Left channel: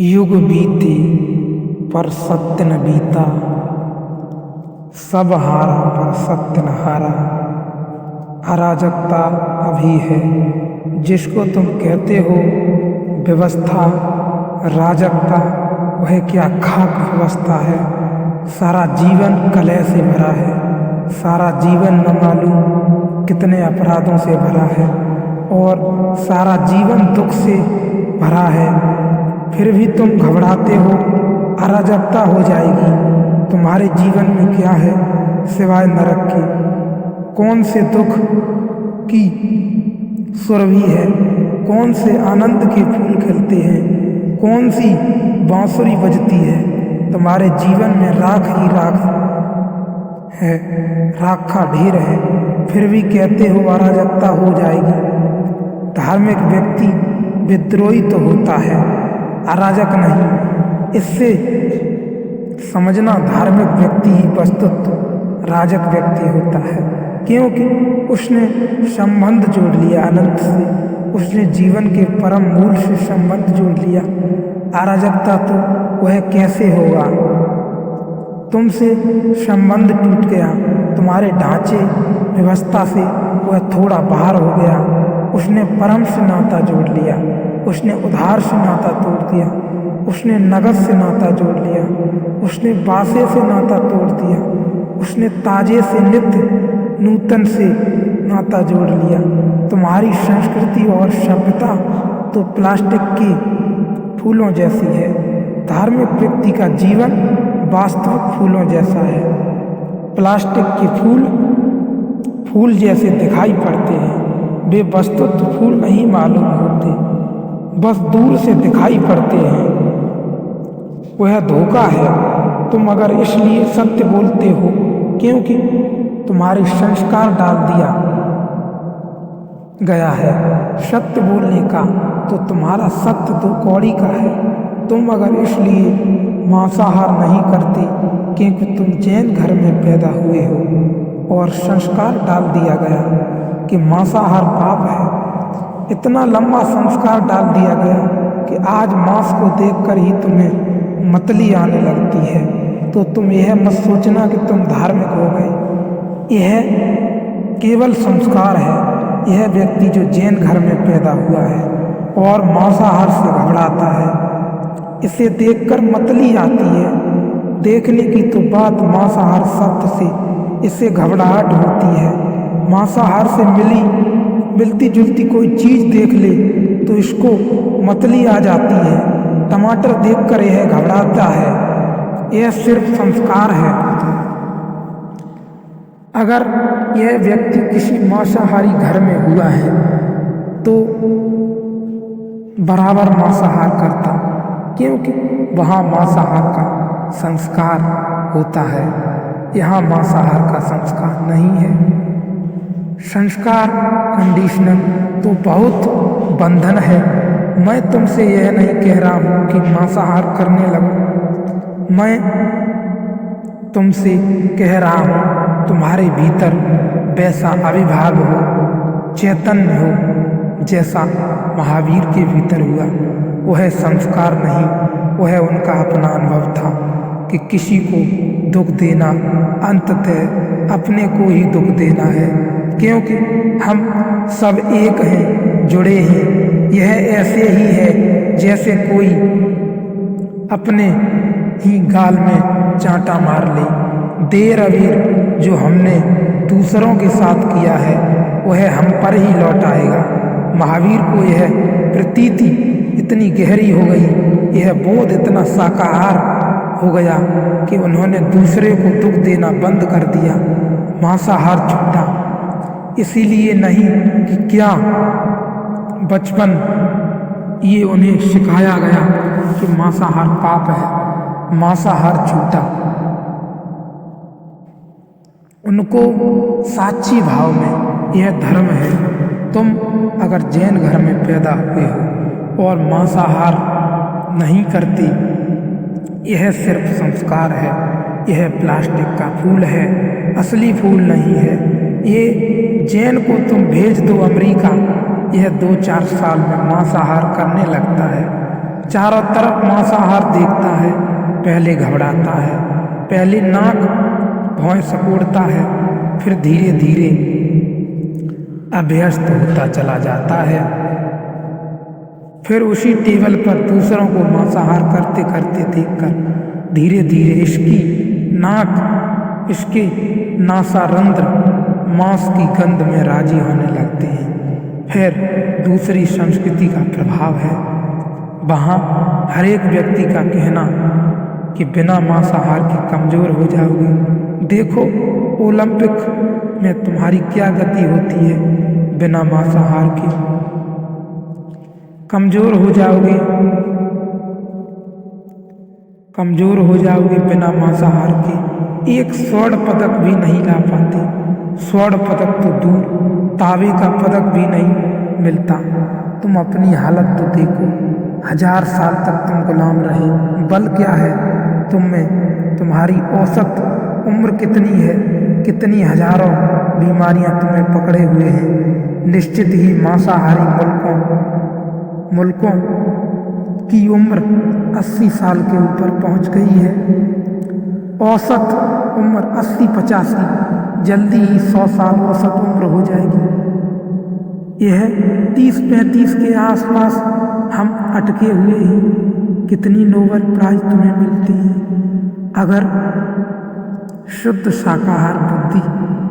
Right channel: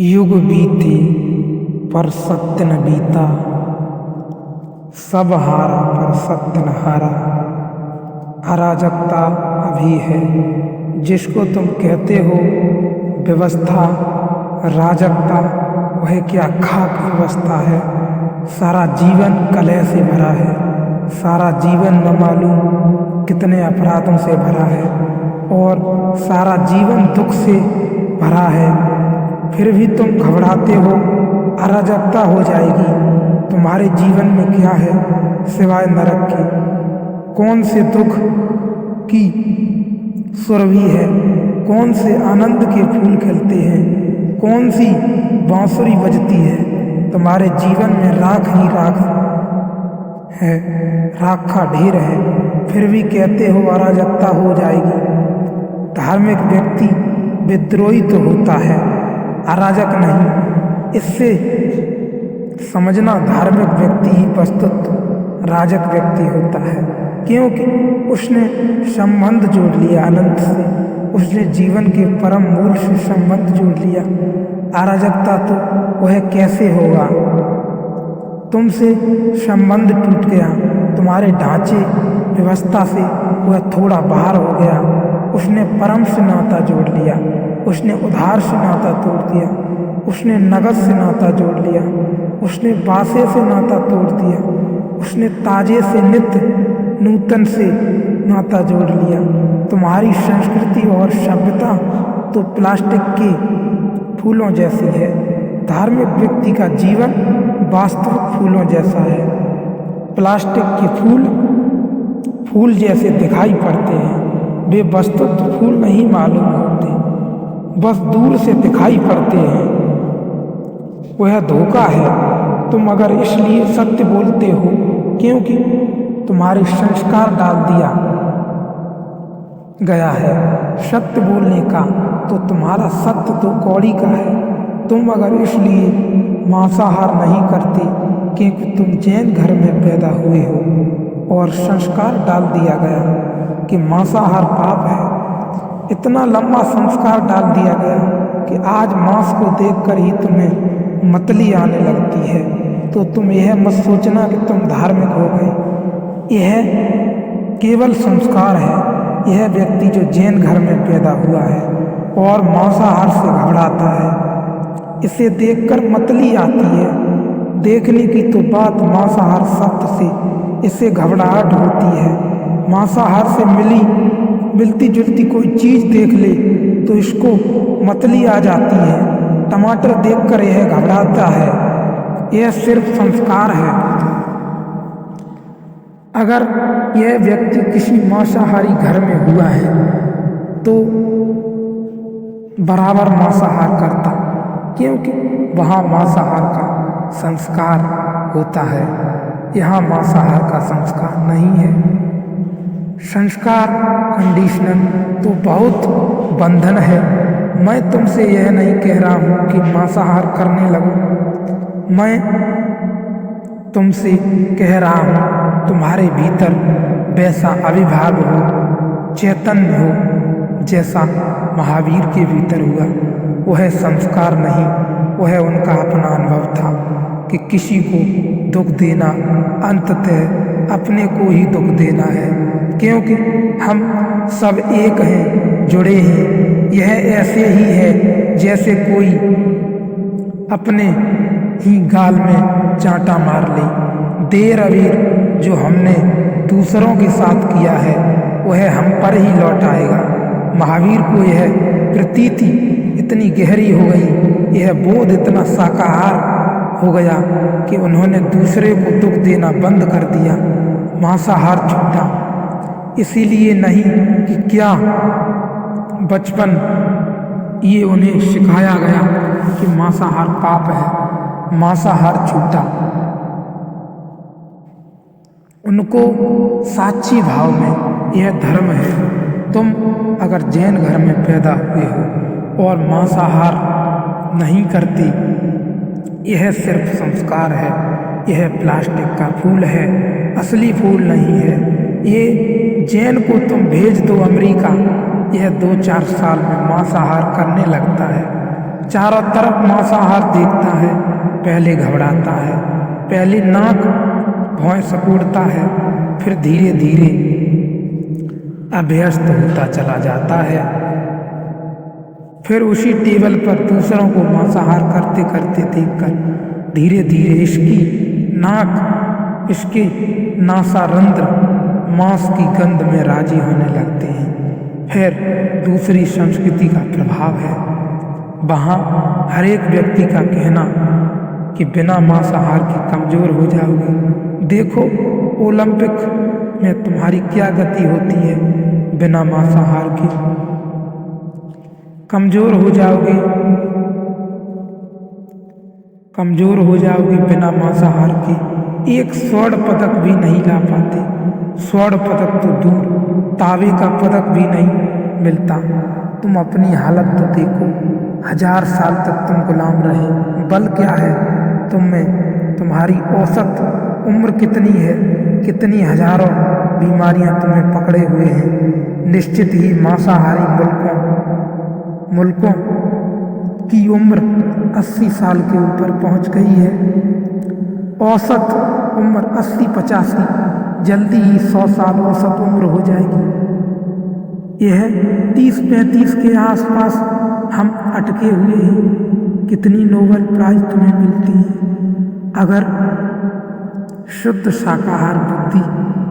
युग बीते पर सत्य न बीता, सब हारा पर सत्य न हारा। अराजकता अभी है जिसको तुम कहते हो व्यवस्था, राजकता वह क्या खाक व्यवस्था है। सारा जीवन कलह से भरा है, सारा जीवन न मालूम कितने अपराधों से भरा है और सारा जीवन दुख से भरा है। फिर भी तुम घबराते हो, अराजकता हो जाएगी। तुम्हारे जीवन में क्या है सिवाय नरक के? कौन से दुख की सुरभि है, कौन से आनंद के फूल खिलते हैं, कौन सी बांसुरी बजती है? तुम्हारे जीवन में राख ही राख है, राख का ढेर है। फिर भी कहते हो अराजकता हो जाएगी। धार्मिक व्यक्ति विद्रोही तो होता है, अराजक नहीं। इससे समझना धार्मिक व्यक्ति ही वस्तुतः राजक व्यक्ति होता है, क्योंकि उसने संबंध जोड़ लिया अनंत से, उसने जीवन के परम मूल से संबंध जोड़ लिया। अराजकता तो वह कैसे होगा? तुमसे संबंध टूट गया, तुम्हारे ढांचे व्यवस्था से वह थोड़ा बाहर हो गया। उसने परम से नाता जोड़ लिया, उसने उधार से नाता तोड़ दिया, उसने नगद से नाता जोड़ लिया, उसने बासे से नाता तोड़ दिया, उसने ताजे से नित्य नूतन से नाता जोड़ लिया। तुम्हारी संस्कृति और सभ्यता तो प्लास्टिक के फूलों जैसी है। धार्मिक व्यक्ति का जीवन वास्तविक फूलों जैसा है। प्लास्टिक के फूल जैसे दिखाई पड़ते हैं, वे वस्तुतः फूल नहीं मालूम होते, बस दूर से दिखाई पड़ते हैं। वह धोखा है। तुम अगर इसलिए सत्य बोलते हो क्योंकि तुम्हारे संस्कार डाल दिया गया है सत्य बोलने का, तो तुम्हारा सत्य दो कौड़ी का है। तुम अगर इसलिए मांसाहार नहीं करते क्योंकि तुम जैन घर में पैदा हुए हो और संस्कार डाल दिया गया कि मांसाहार पाप है, इतना लंबा संस्कार डाल दिया गया कि आज मांस को देखकर ही तुम्हें मतली आने लगती है, तो तुम यह मत सोचना कि तुम धार्मिक हो गए। यह केवल संस्कार है। यह व्यक्ति जो जैन घर में पैदा हुआ है और मांसाहार से घबराता है, इसे देखकर मतली आती है। देखने की तो बात मांसाहार शब्द से इसे घबराहट होती है। मांसाहार से मिलती जुलती कोई चीज देख ले तो इसको मतली आ जाती है। टमाटर देखकर यह घबराता है। यह सिर्फ संस्कार है। अगर यह व्यक्ति किसी मांसाहारी घर में हुआ है तो बराबर मांसाहार करता, क्योंकि वहाँ मांसाहार का संस्कार होता है, यहाँ मांसाहार का संस्कार नहीं है। संस्कार कंडीशनल तो बहुत बंधन है। मैं तुमसे यह नहीं कह रहा हूँ कि मांसाहार करने लगो, मैं तुमसे कह रहा हूँ तुम्हारे भीतर वैसा अविभाव हो, चैतन्य हो जैसा महावीर के भीतर हुआ। वह संस्कार नहीं, वह उनका अपना अनुभव था कि किसी को दुख देना अंततः अपने को ही दुख देना है, क्योंकि हम सब एक हैं, जुड़े हैं। यह ऐसे ही है जैसे कोई अपने ही गाल में चांटा मार ले। देर अबीर जो हमने दूसरों के साथ किया है वह हम पर ही लौट आएगा। महावीर को यह प्रतीति इतनी गहरी हो गई, यह बोध इतना साकार हो गया कि उन्होंने दूसरे को दुख देना बंद कर दिया, मांसाहार छूटा। इसीलिए नहीं कि क्या बचपन ये उन्हें सिखाया गया कि मांसाहार पाप है, मांसाहार छूटा। उनको साक्षी भाव में यह धर्म है। तुम अगर जैन घर में पैदा हुए हो और मांसाहार नहीं करते, यह सिर्फ संस्कार है। यह प्लास्टिक का फूल है, असली फूल नहीं है। ये जैन को तुम भेज दो अमेरिका, यह 2-4 साल में मांसाहार करने लगता है। चारों तरफ मांसाहार देखता है, पहले घबराता है, पहले नाक भौं सिकुड़ता है, फिर धीरे धीरे अभ्यस्त होता चला जाता है। फिर उसी टेबल पर दूसरों को मांसाहार करते करते देखकर धीरे धीरे इसकी नाक, इसके नासारंध्र मांस की गंध में राजी होने लगते हैं। फिर दूसरी संस्कृति का प्रभाव है, वहाँ हर एक व्यक्ति का कहना कि बिना मांसाहार के कमज़ोर हो जाओगे। देखो ओलंपिक में तुम्हारी क्या गति होती है, बिना मांसाहार के कमज़ोर हो जाओगे, कमज़ोर हो जाओगे बिना मांसाहार के। एक स्वर्ण पदक भी नहीं ला पाते, स्वर्ण पदक तो दूर, तांबे का पदक भी नहीं मिलता। तुम अपनी हालत तो देखो, 1000 साल तक तुम गुलाम रहे, बल क्या है तुम में? तुम्हारी औसत उम्र कितनी है? कितनी हजारों बीमारियां तुम्हें पकड़े हुए हैं। निश्चित ही मांसाहारी मुल्कों की उम्र 80 साल के ऊपर पहुंच गई है। औसत उम्र 80-85, जल्दी ही 100 साल औसत उम्र हो जाएगी। यह 30-35 के आसपास हम अटके हुए हैं। कितनी नोबेल प्राइज तुम्हें मिलती है। अगर शुद्ध शाकाहार बुद्धि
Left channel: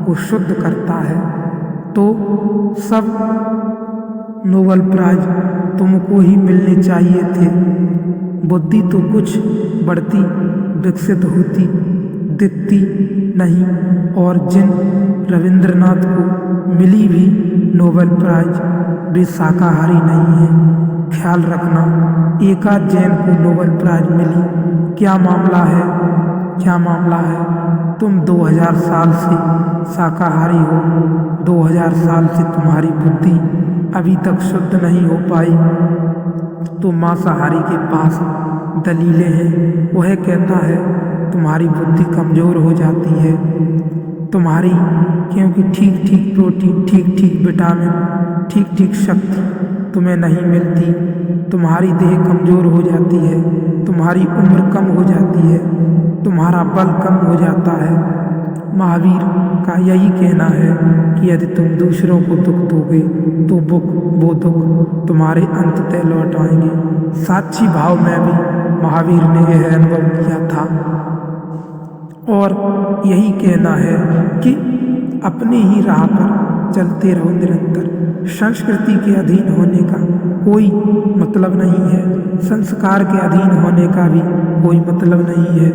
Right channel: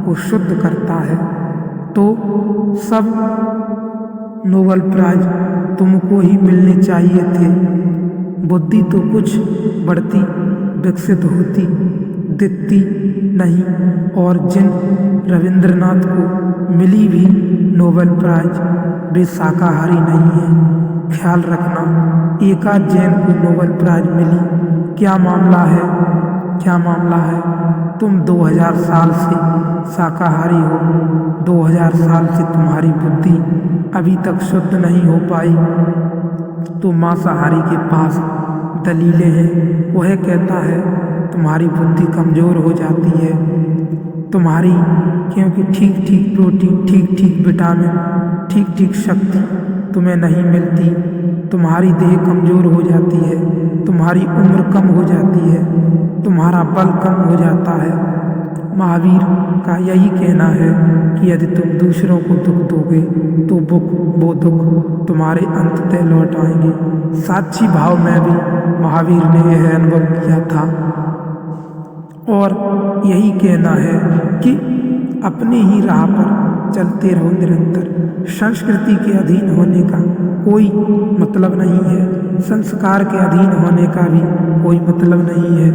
को शुद्ध करता है तो सब नोबेल प्राइज तुमको ही मिलने चाहिए थे। बुद्धि तो कुछ बढ़ती विकसित होती दिखती नहीं, और जिन रविंद्रनाथ को मिली भी नोबेल प्राइज वे शाकाहारी नहीं हैं। ख्याल रखना, एकाध जैन को नोबेल प्राइज मिली। क्या मामला है, क्या मामला है? तुम 2000 साल से शाकाहारी हो, 2000 साल से तुम्हारी बुद्धि अभी तक शुद्ध नहीं हो पाई। तो मांसाहारी के पास दलीलें हैं। वह कहता है तुम्हारी बुद्धि कमज़ोर हो जाती है, तुम्हारी, क्योंकि ठीक ठीक प्रोटीन, ठीक ठीक विटामिन, ठीक ठीक शक्ति तुम्हें नहीं मिलती। तुम्हारी देह कमज़ोर हो जाती है, तुम्हारी उम्र कम हो जाती है, तुम्हारा बल कम हो जाता है। महावीर का यही कहना है कि यदि तुम दूसरों को दुख दोगे तो वो दुख तुम्हारे अंततः लौट आएंगे। साक्षी भाव में भी महावीर ने यह अनुभव किया था, और यही कहना है कि अपनी ही राह पर चलते रहो निरंतर। संस्कृति के अधीन होने का कोई मतलब नहीं है, संस्कार के अधीन होने का भी कोई मतलब नहीं है।